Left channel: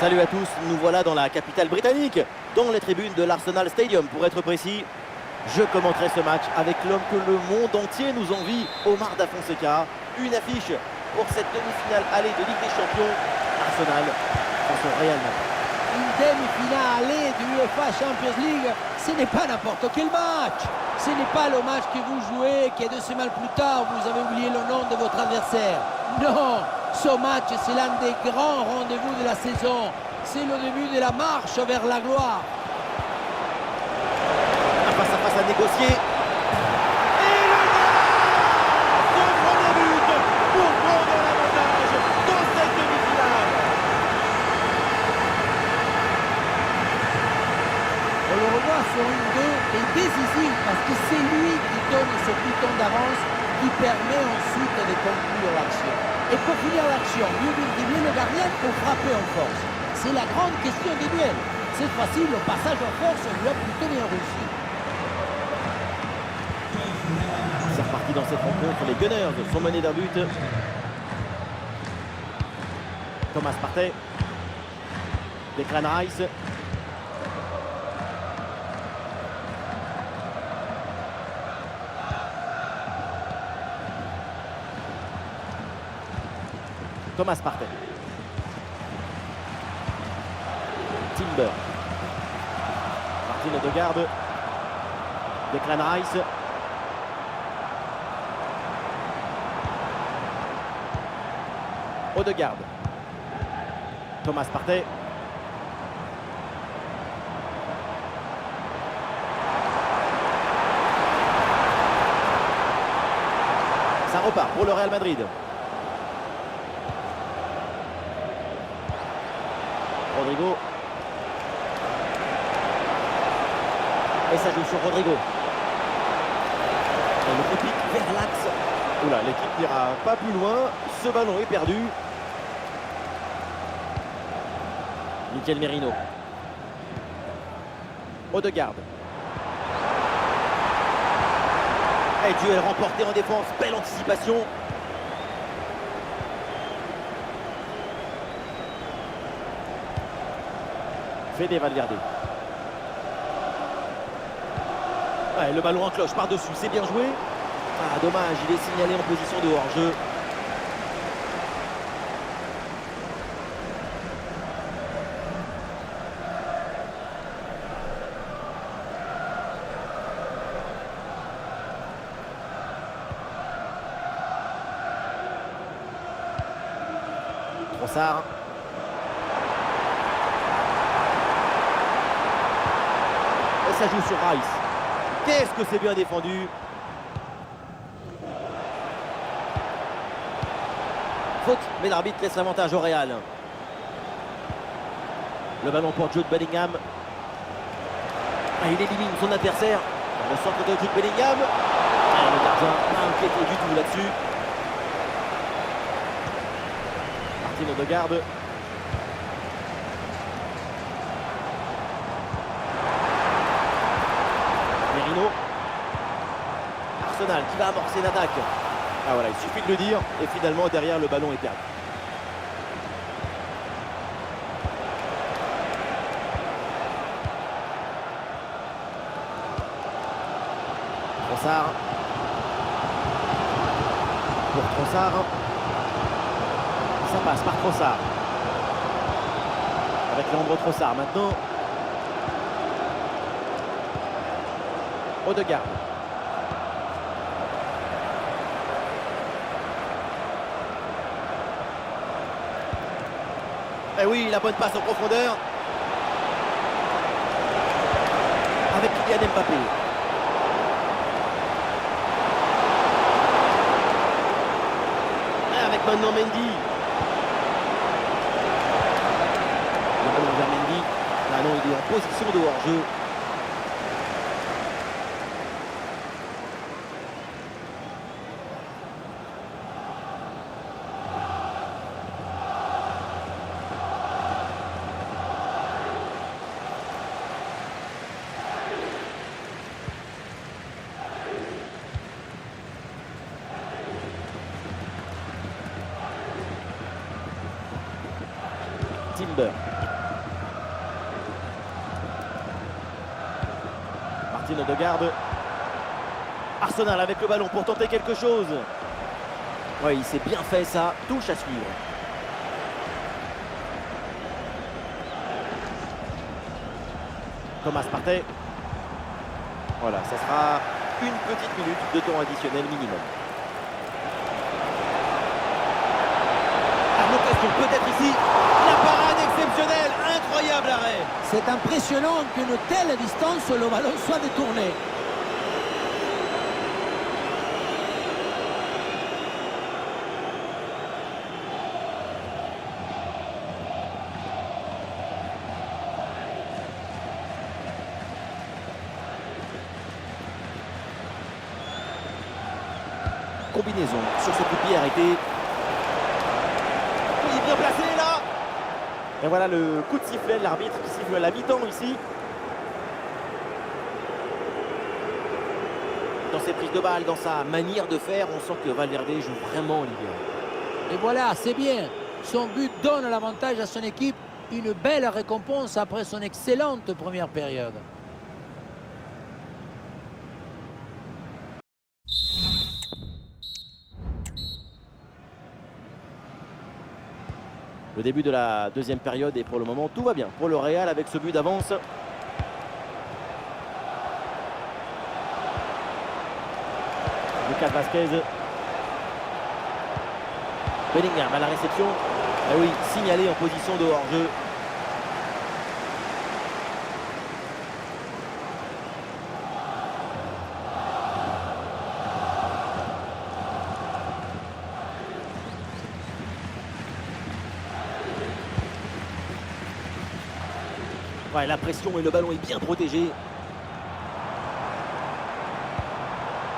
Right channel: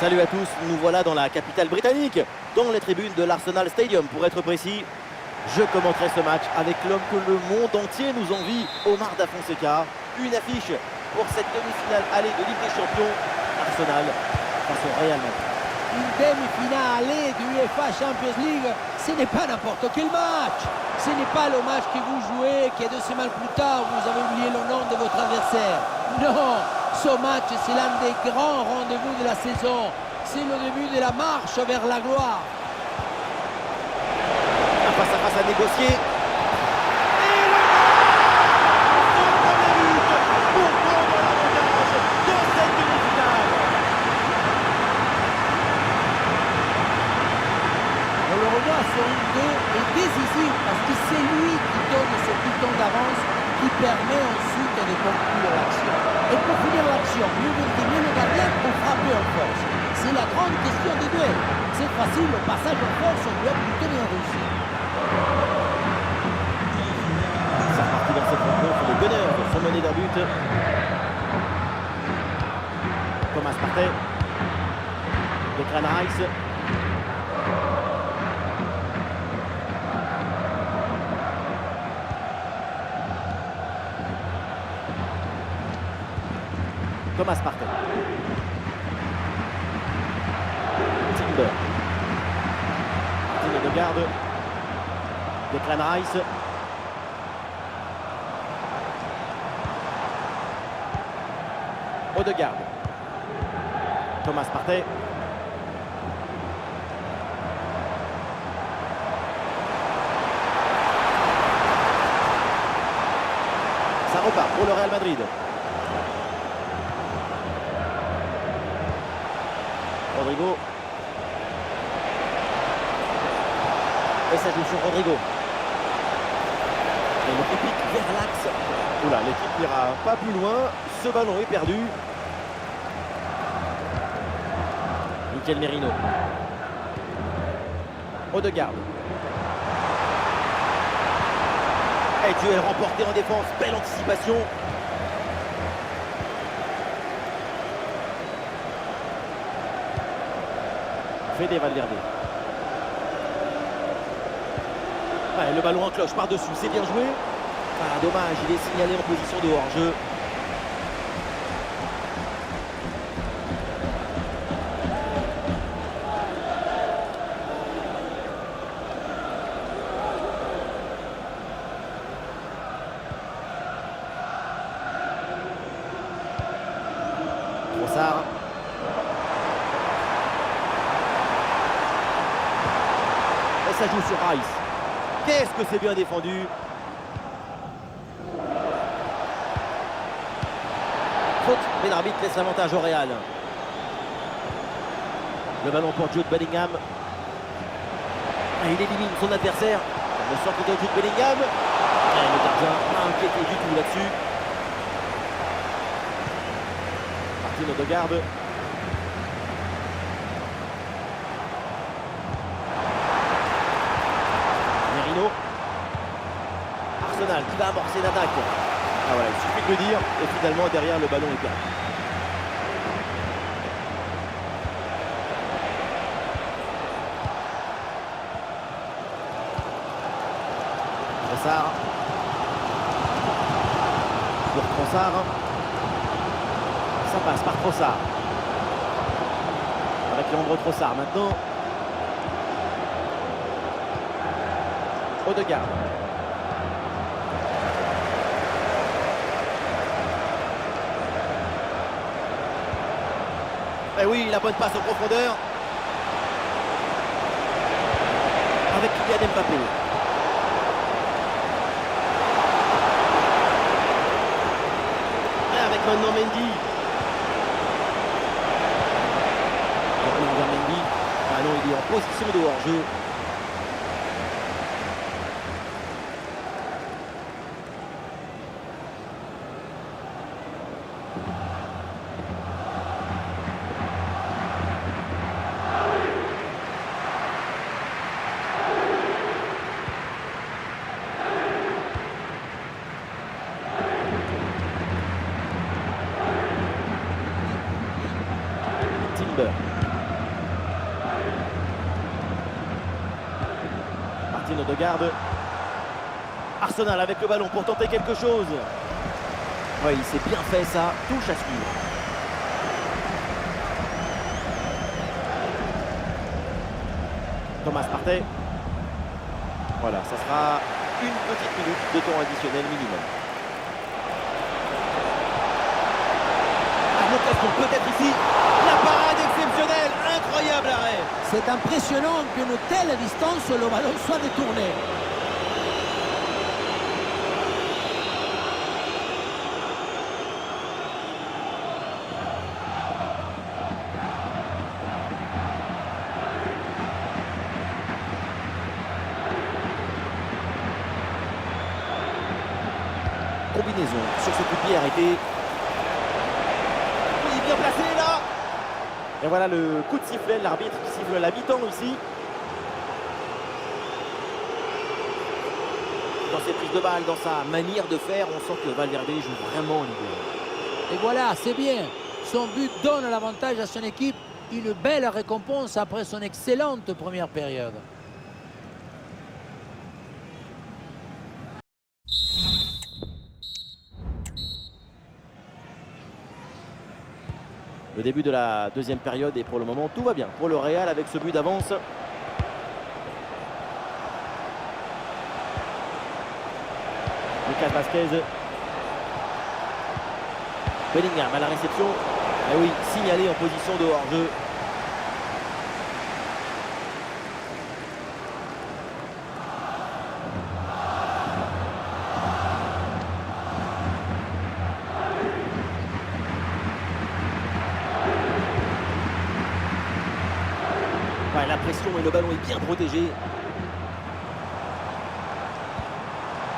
Salut à tous, nous voilà dans la capitale britannique, dans les tribunes de l'Arsenal Stadium pour être précis. Je commenterai ce match avec l'homme que le monde entier nous envie, Omar Da Fonseca. Une affiche pour cette demi-finale aller de Ligue des Champions, Arsenal face au Real Madrid. Une demi-finale aller du UEFA Champions League, ce n'est pas n'importe quel match. Ce n'est pas le match que vous jouez, que 2 semaines plus tard, vous avez oublié le nom de votre adversaire. Non, ce match, c'est l'un des grands rendez-vous de la saison. C'est le début de la marche vers la gloire. Un face-à-face à négocier. Et le but! Son premier but pour prendre l'avantage dans cette demi-finale. On le revoit sur une 2 et décisif parce que c'est lui qui donne ce piton d'avance qui permet ensuite de conclure l'action. Et pour finir l'action, mieux vérifier le gardien ou frapper en force. C'est la grande question du duel. Cette fois-ci, le passage en force lui a plutôt bien réussi. C'est reparti dans cette rencontre. Les Gunners sont menés d'un but. Thomas Partey. Declan Rice. Thomas Partey. Timber. Martin Odegaard. Declan Rice. Odegaard. Thomas Partey. Ça repart pour le Real Madrid. Rodrigo. Et ça joue sur Rodrigo. Et le repique vers l'axe. Oula, l'équipe n'ira pas plus loin. Ce ballon est perdu. Mikel Merino. Odegaard. Et duel remporté en défense. Belle anticipation. Fede Valverde. Ouais, le ballon en cloche par-dessus, c'est bien joué. Ah, dommage, il est signalé en position de hors-jeu. Trossard. Et ça joue sur Rice. Qu'est-ce que c'est bien défendu. Faute, mais l'arbitre laisse l'avantage au Real. Le ballon pour Jude Bellingham. Ah, il élimine son adversaire. Le centre de Jude Bellingham. Et le gardien pas inquiété du tout là-dessus. Martin Odegaard. Merino. Arsenal qui va amorcer une attaque. Ah voilà, il suffit de le dire. Et finalement, derrière, le ballon est perdu. Trossard. Pour Trossard. Ça passe par Trossard. Avec Leandro Trossard maintenant. Odegaard. Et oui, la bonne passe en profondeur. Avec Kylian Mbappé. Et avec maintenant Mendy. Le ballon vers Mendy. Ah non, il est en position de hors-jeu. Timber. Martin Odegaard. Arsenal avec le ballon pour tenter quelque chose. Oui, il s'est bien fait ça. Touche à suivre. Thomas Partey. Voilà, ça sera une petite minute de temps additionnel minimum. Ah, l'occasion peut-être ici. La parade exceptionnelle, incroyable arrêt. C'est impressionnant qu'une telle distance, le ballon soit détourné. Combinaison sur ce coup de pied arrêté. Il est bien placé là. Et voilà le coup de sifflet, l'arbitre qui siffle à la mi-temps ici. Dans ses prises de balles, dans sa manière de faire, on sent que Valverde joue vraiment libéré. Et voilà, c'est bien. Son but donne l'avantage à son équipe. Une belle récompense après son excellente première période. Le début de la deuxième période et pour le moment tout va bien pour le Real avec ce but d'avance. Lucas Vazquez. Bellingham à la réception. Et oui, signalé en position de hors-jeu. Ouais, la pression et le ballon est bien protégé.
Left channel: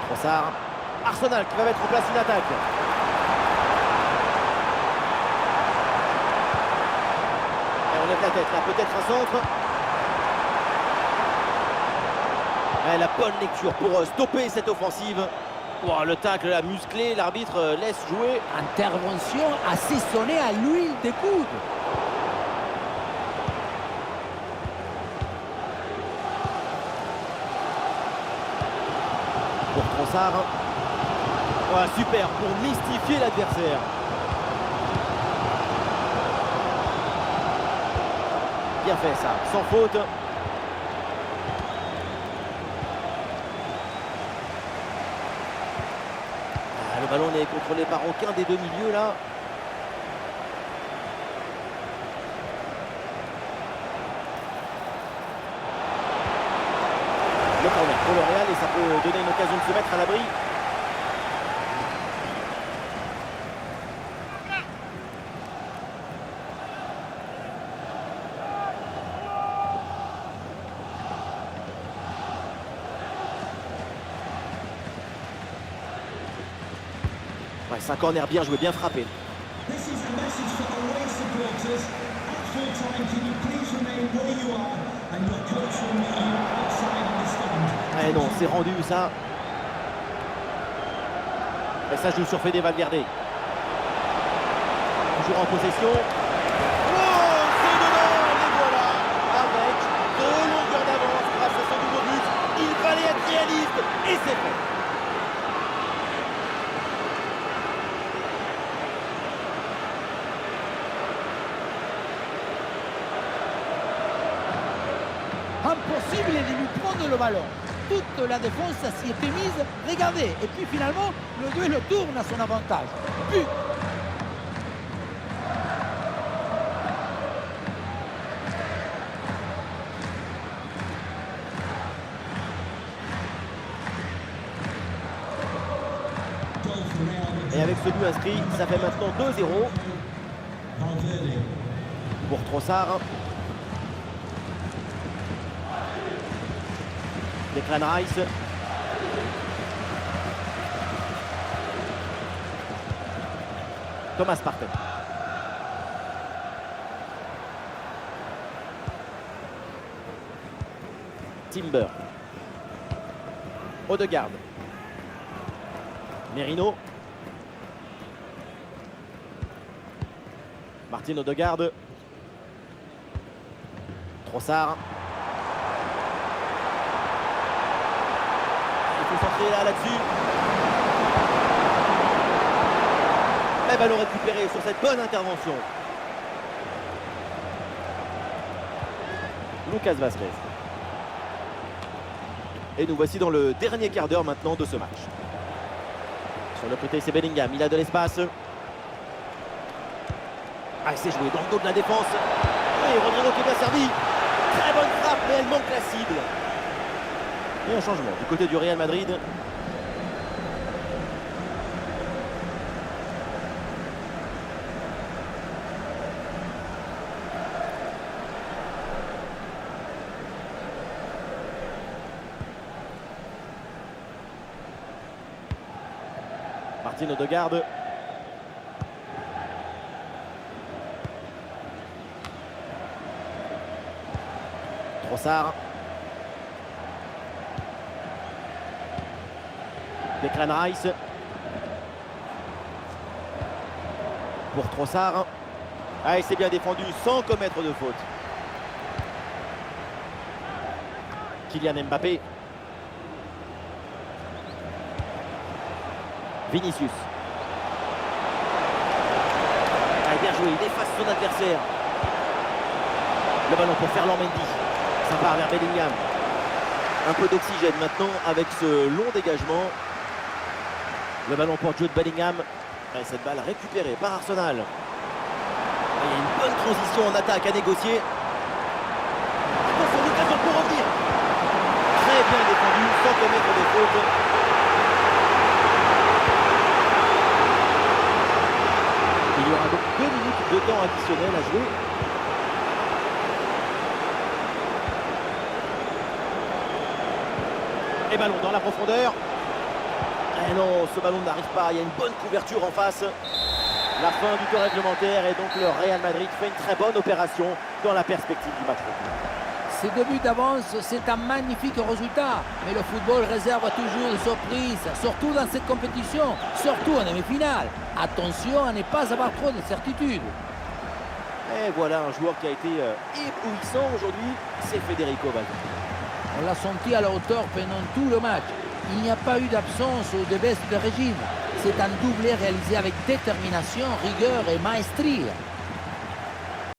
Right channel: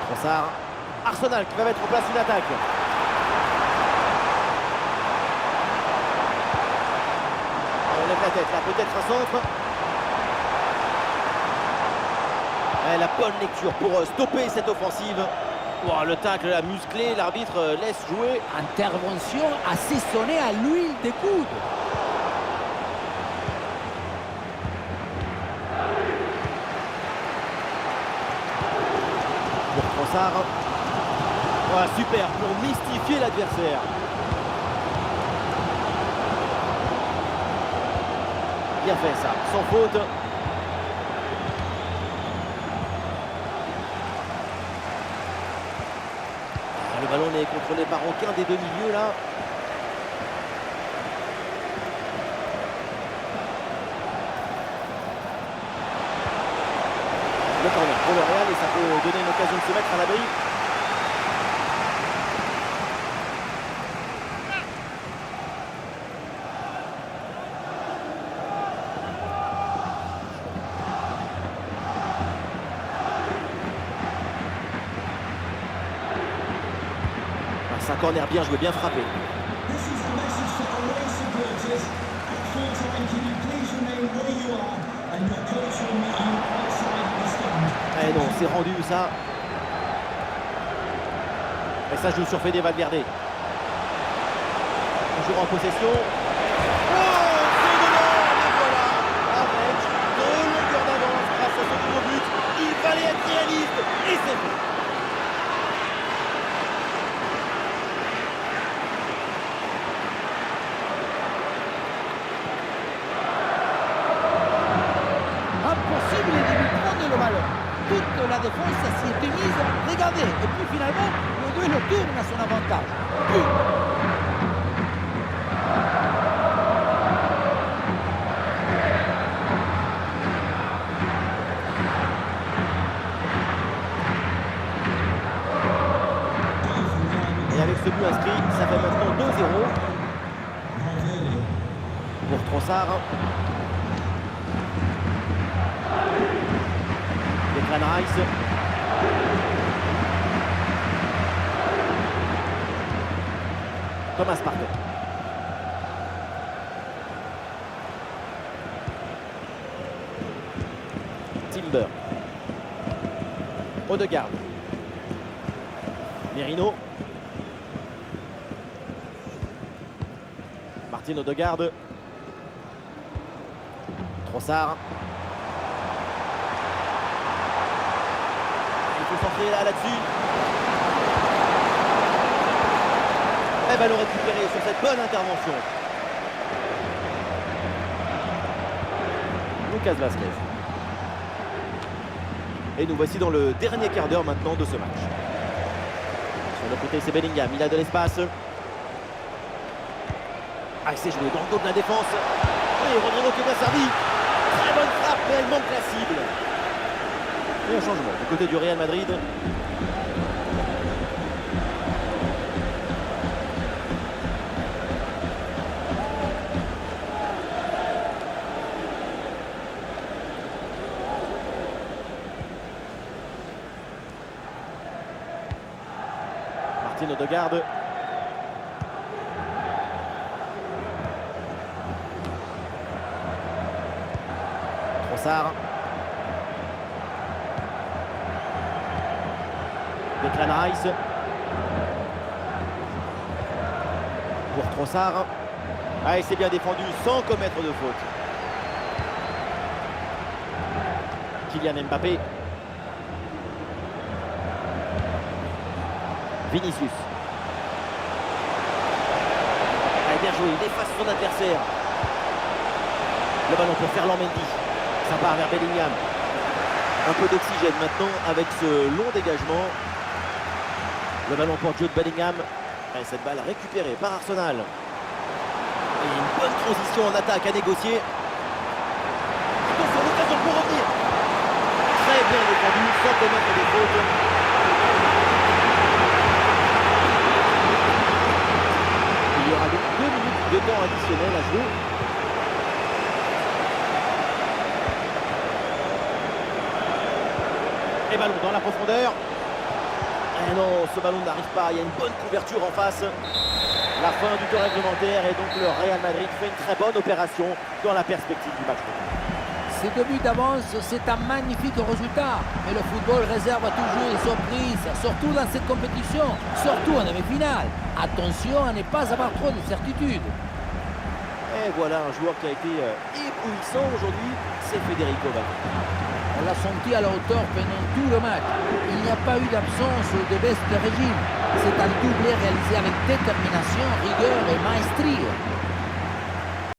Trossard. Arsenal qui va mettre en place une attaque. Et on lève la tête là, peut-être un centre. Ouais, la bonne lecture pour stopper cette offensive. Oh, le tacle là, musclé, l'arbitre laisse jouer. Intervention assaisonnée à l'huile des coudes. Pour Trossard. Voilà, super pour mystifier l'adversaire. Bien fait ça, sans faute. Ah, le ballon n'est contrôlé par aucun des deux milieux là. Le corner pour le Real et ça peut donner une occasion de se mettre à l'abri. Ouais, c'est un corner bien joué, bien frappé. Eh non, c'est rendu ça. Et ça joue sur Fede Valverde. Toujours en possession. Oh, c'est dedans, les voilà. Avec 2 longueurs d'avance grâce à ce nouveau but. Il fallait être réaliste et c'est fait. Impossible de lui prendre le ballon. Toute la défense s'y était mise. Regardez. Et puis finalement, le duel tourne à son avantage. But. Et avec ce but inscrit, ça fait maintenant 2-0 pour Trossard. Declan Rice. Thomas Partey. Timber. Odegaard. Merino. Martin Odegaard. Trossard. Il faut centrer là-dessus. Et ballon récupéré sur cette bonne intervention. Lucas Vázquez. Et nous voici dans le dernier quart d'heure maintenant de ce match. Sur le côté, c'est Bellingham. Il a de l'espace. Ah, il s'est joué dans le dos de la défense. Oui, Rodrigo qui est bien servi. Très bonne frappe, mais elle manque la cible. Et un changement du côté du Real Madrid. Martin Odegaard. Trossard. Declan Rice. Pour Trossard. Ah, il s'est bien défendu sans commettre de faute. Kylian Mbappé. Vinicius. Ah, bien joué, il efface son adversaire. Le ballon pour Ferland Mendy. Ça part vers Bellingham. Un peu d'oxygène maintenant avec ce long dégagement. Le ballon pour Jude Bellingham. Et cette balle récupérée par Arsenal. Et une bonne transition en attaque à négocier. Attention, l'occasion pour revenir. Très bien défendu, sans commettre de faute. Il y aura donc 2 minutes de temps additionnel à jouer. Et ballon dans la profondeur. Et non, ce ballon n'arrive pas. Il y a une bonne couverture en face. La fin du temps réglementaire et donc le Real Madrid fait une très bonne opération dans la perspective du match retour. Ces 2 buts d'avance, c'est un magnifique résultat. Mais le football réserve toujours des surprises, surtout dans cette compétition, surtout en demi-finale. Attention à ne pas avoir trop de certitudes. Et voilà un joueur qui a été éblouissant aujourd'hui, c'est Federico Valverde. On l'a senti à la hauteur pendant tout le match. Il n'y a pas eu d'absence ou de baisse de régime. C'est un doublé réalisé avec détermination, rigueur et maestrie.